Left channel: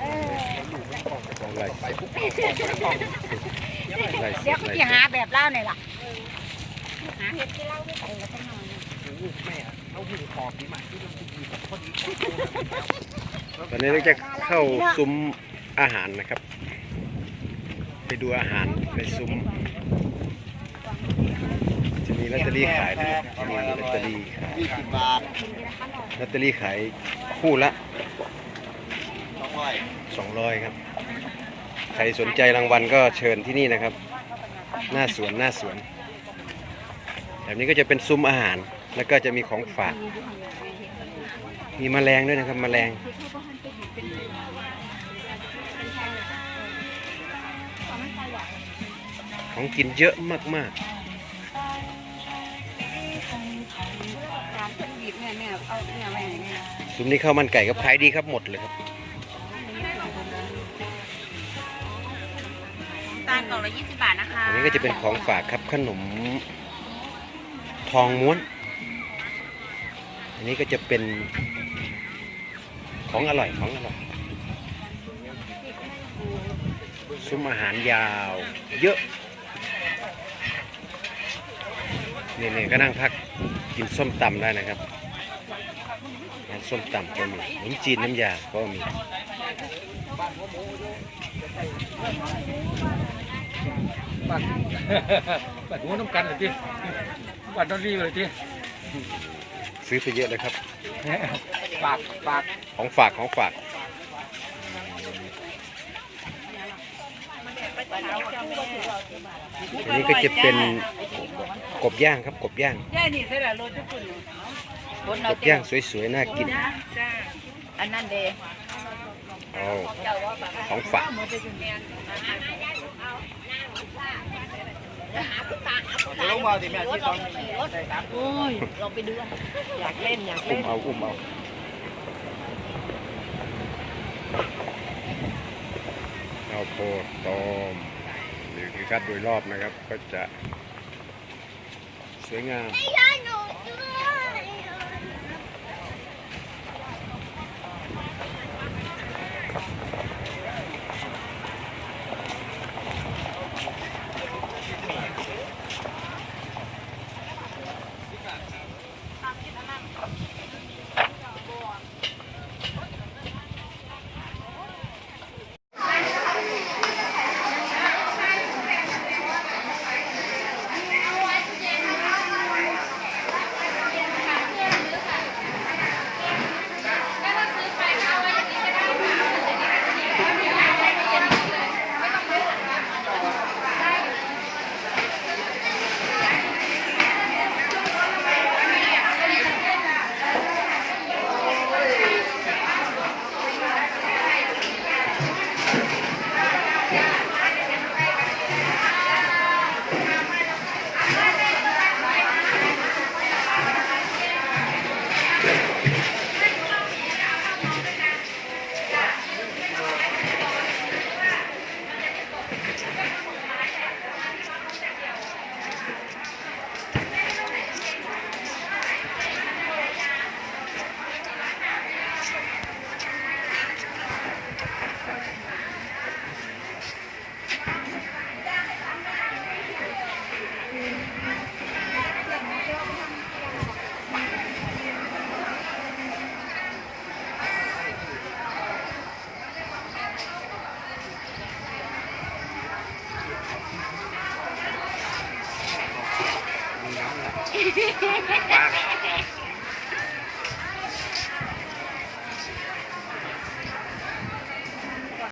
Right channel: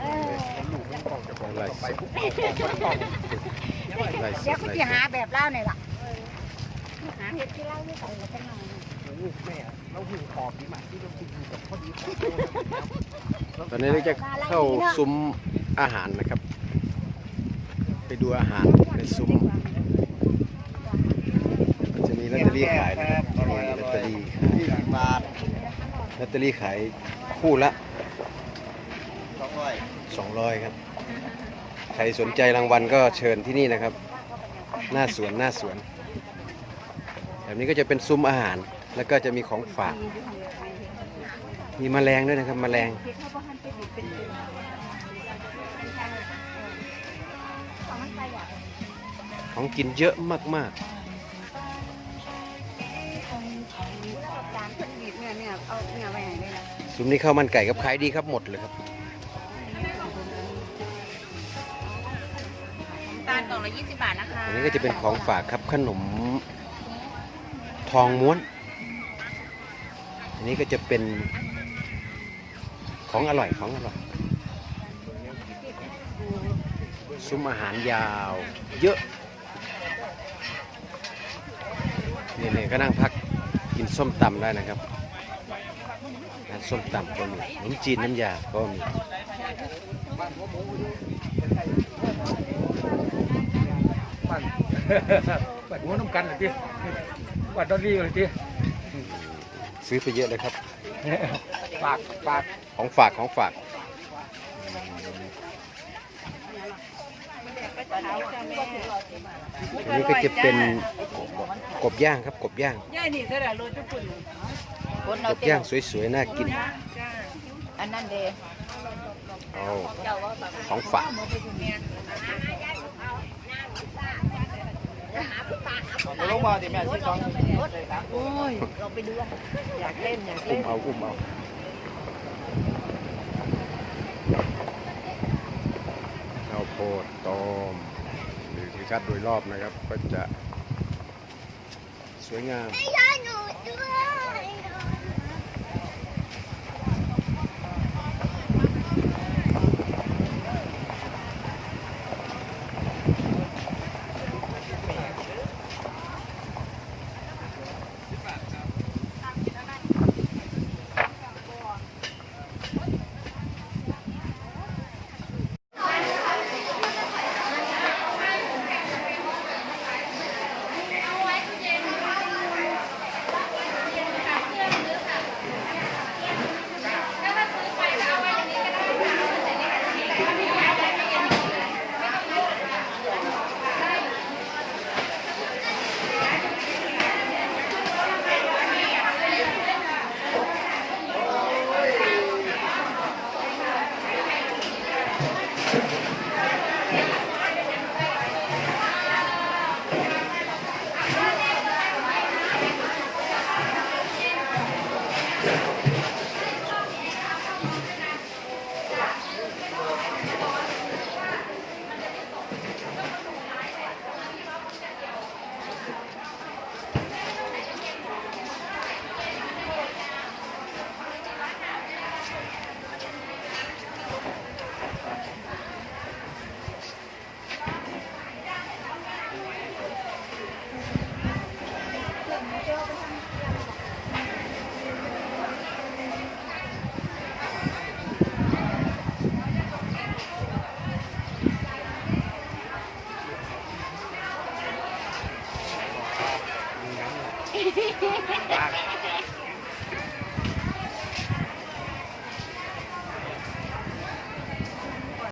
เออของไรไปปุ๊บเอาของคนกล่องไรเดี๋ยวก็จะหาแบบเล่าเนี่ยล่ะหาเห็ดที่เล่าไม่ใส่ละจังหน่อยโอ้โหแม่เราหูหอบดีมากที่เราคุยกับพอดีตอนนี้เราจะเข้าซุ้มอาหารนะครับ ไปดูอาหารในซุ้ม จะมีลอตเตอรี่ขายนะครับมีลอตเตอรี่ขายยี่สิบบาทลอตเตอรี่ขายคู่ละ สองร้อย200ครับ ใครสนใจรางวัลก็เชิญที่นี่นะครับ หน้าสวนหน้าสวน แบบนี้ก็จะเป็นซุ้มอาหาร แล้วก็จะมีของฝาก มีแมลงด้วยนะครับ แมลง ของกินเยอะมากการเพิ่นบีบเนี่ยเนี่ยเอาเนี่ยไว้ให้เนี่ยนะๆซุ้มนี้ข้าวมันไก่กับขายดีครับหมดเลยครับากล่องละยี่สิบาทนะคะอันนี้ก็จะเป็นของฝากครับขนมทองม้วน อันนี้ก็จะเป็นของอร่อยของอร่อย ซุ้มอาหารยาวเยอะเนี่ยๆก็นั่งพักกินส้มตำได้นะครับ ส้มตำก็มีขนมจีนน้ำยาก็มีปัดปัดหัวน้ำกันเลยทีปัดดอลลี่เลยทีซื้อไปเยอะเลยครับ ฝากฝากของฝากของฝากอันนี้ก็จะเป็นกบย่างครับกบย่าง ย่านี่ใส่ละโลทุกคนกบย่างสวยๆน่ากินอันนั้นเด้เอาของฝากจะลงมาดิแม่ที่สองโอ้ยเราไปดูอะอยากเล่นอยากอุ้เล่มนเอาอุ้มเอาเอาโพดตอมหรือคือคัดโดยรอบนะครับ ก็จะ สวยงามมีน้ำไหลปล Wow.